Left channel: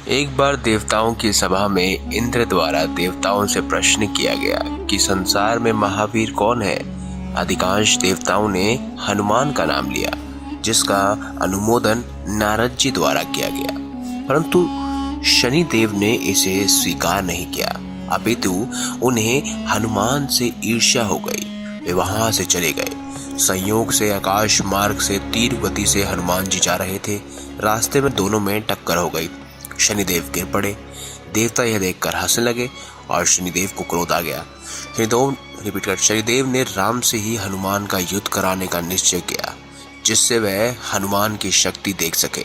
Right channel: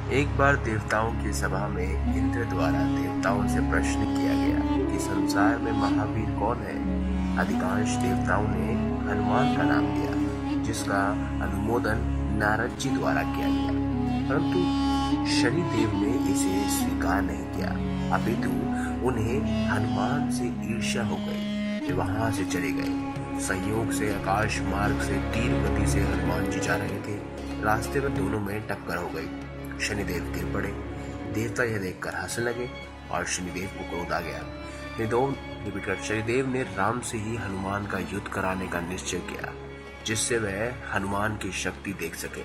एक बार देवताओं की सभा में इंद्र द्वारा देवताओं से प्रश्न किया गया कि संसार में महावीर कौन है। अधिकांश देवताओं ने हनुमान का नाम लिया, जिसका अनुमोदन नारद जी द्वारा किया गया, परंतु शनि देव ने इसे स्वीकार नहीं किया। अपितु उन्हें हनुमान से ईर्ष्या हो गई। वे वहां से चले गए। संयोग से आकाश मार्ग से तीर गति से हनुमान जी जा रहे थे। रास्ते में दोनों में टक्कर हो गई। शनिदेव गिर पड़े। देवता यह देखकर हंसने लगे और शनिदेव को क्रोध आ गया। शनिदेव ने राम से ही हनुमान का युद्ध कराने का निश्चय किया, जिससे वह हनुमान की शक्ति देख सके।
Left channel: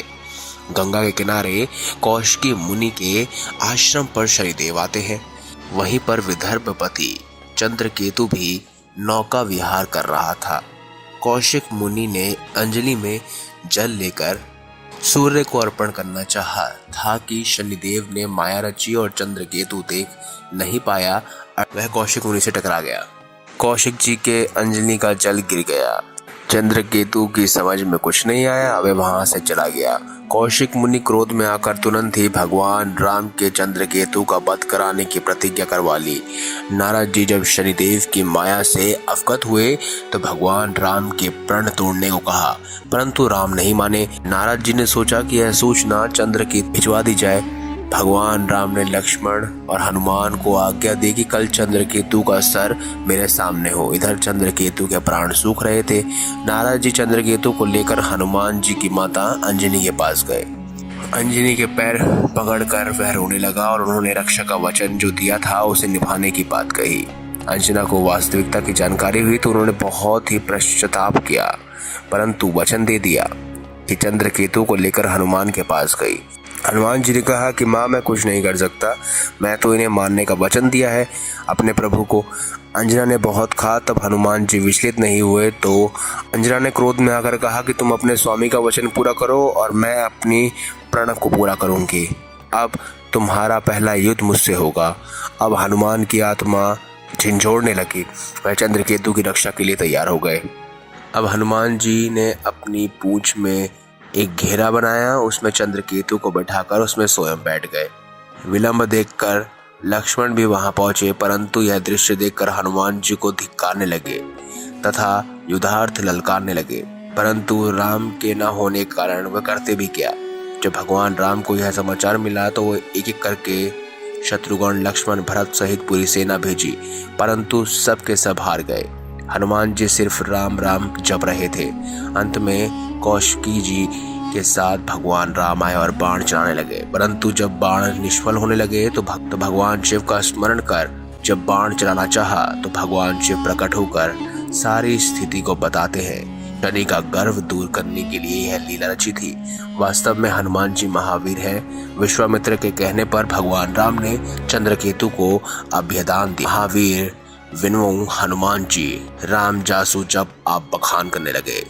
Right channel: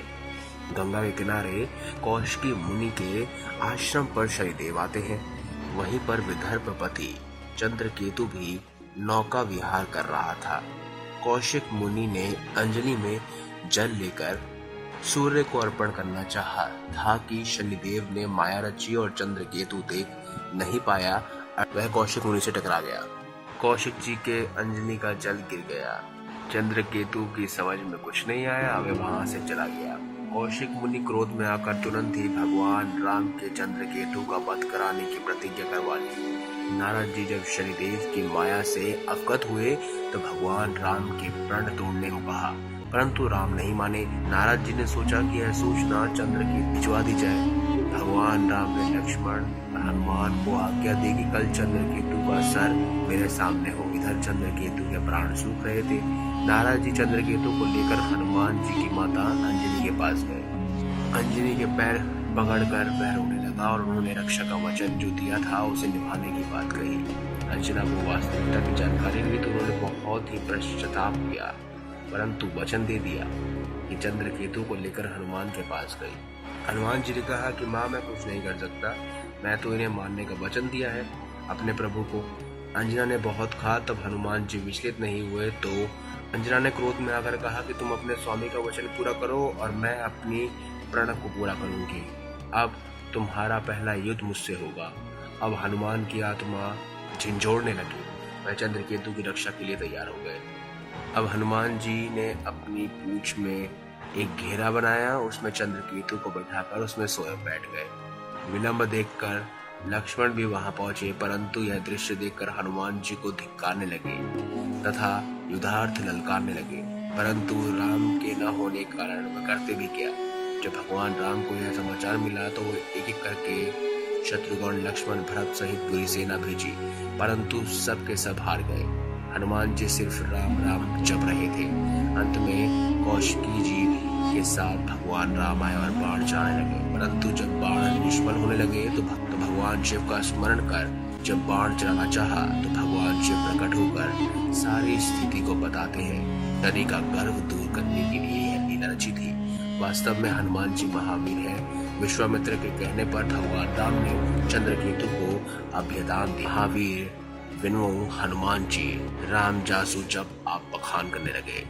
गंगा के किनारे कौशिकी मुनि के आश्रम पर शनिदेव आते हैं। वहीं पर विदर्भपति चंद्रकेतु भी नौका विहार कर रहा था। कौशिक मुनि ने अंजलि में जल लेकर सूर्य को अर्पण करना चाहा था कि शनिदेव ने माया रची और चंद्रकेतु देख नहीं पाया। वह कौशिक मुनि से टकरा गया। कौशिक जी के अंजलि का जल गिर गया। चंद्रकेतु की समझ में कुछ नहीं आया। वह वहां से चला गया। कौशिक मुनि क्रोध में आकर तुरंत ही भगवान राम के चंद्रकेतु का वध कराने की प्रतिज्ञा करवा ली। नारद जी जब शनिदेव की माया से अवगत हुए तो भगवान राम के प्रण तोड़ने को कहा, परंतु राम नहीं माने। नारद जी ने सोचा कि यह सूचना चंद्रकेतु भिजवा दी जाए। भगवान राम ने लक्ष्मण और हनुमान को आज्ञा दी कि कल चंद्रकेतु का सर मेरे सामने हो। इधर चंद्रकेतु के प्राण सूख रहे थे। नारद जी चंद्रकेतु को लेकर हनुमान जी की माता अंजनी के पास गए। अंजनी के पैर पकड़कर वह रोने लगा और उन्होंने रक्षा का वचन जो दिया था उसे निभाने की बात कही। अंजना को वास्तविकता की जानकारी हुई तो उन्होंने बहुत ही पश्चाताप किया, परंतु वचन दे दिया कि चंद्रकेतु को लेकर हनुमान के पास गई। हनुमान जी ने कहा कि माँ, मैं कुछ नहीं कर सकता, मैं तो इन्हें मारने का वचन दिया है अपने प्रभु को। अंजना ने बहुत कहा, तब हनुमान जी विचलित नहीं हुए तो अंजना ने क्रोध में आकर कहा कि तुम अपने स्वामी का वचन पूरा करो और मैं अपनी प्रण को पूरा करूंगी। अब तुम्हारा पहला युद्ध मुझसे होगा। अब हनुमान की आत्मा झिंझोड़ने लगी। वह चंद्रकेतु की रक्षा के लिए तैयार हो गए। अब हनुमान जी ने अपनी पूंछ में एक घेरा बनाया, उसमें चंद्रकेतु को बैठाकर उसमें स्वयं बैठ गए। विलंब देखकर लक्ष्मण भी वहां पहुंचे, परंतु यह दृश्य देखकर हनुमान जी को धिक्कारने लगे तथा युद्धार्थ ललकारने लगे, परंतु राम के न होने के कारण वह करते भी क्या। जब भगवान राम को यह समाचार मिला तो वो एक एक करके शत्रुघ्न, लक्ष्मण, भरत सहित पूरी सेना भेजी, परंतु सब के सब हार गए। हनुमान जी सिर्फ राम राम जप रहे थे। अंत में कौशिकी जी के साथ भगवान राम आए और बाण चलाने लगे, परंतु जब बाण निष्फल होने लगे तो भक्त भगवान शिव का स्मरण कर जब बाण चलाना चाहा तो भगवान शिव प्रकट होकर सारी स्थिति को बताते हैं। शनि का गर्व दूर करने के लिए यह लीला रची थी। वास्तव में हनुमान जी महावीर हैं। विश्वामित्र के कहने पर भगवान राम ने चंद्रकेतु को अभयदान दिया। महावीर विनों हनुमान जी राम जासु जब आप बखान करने लगे।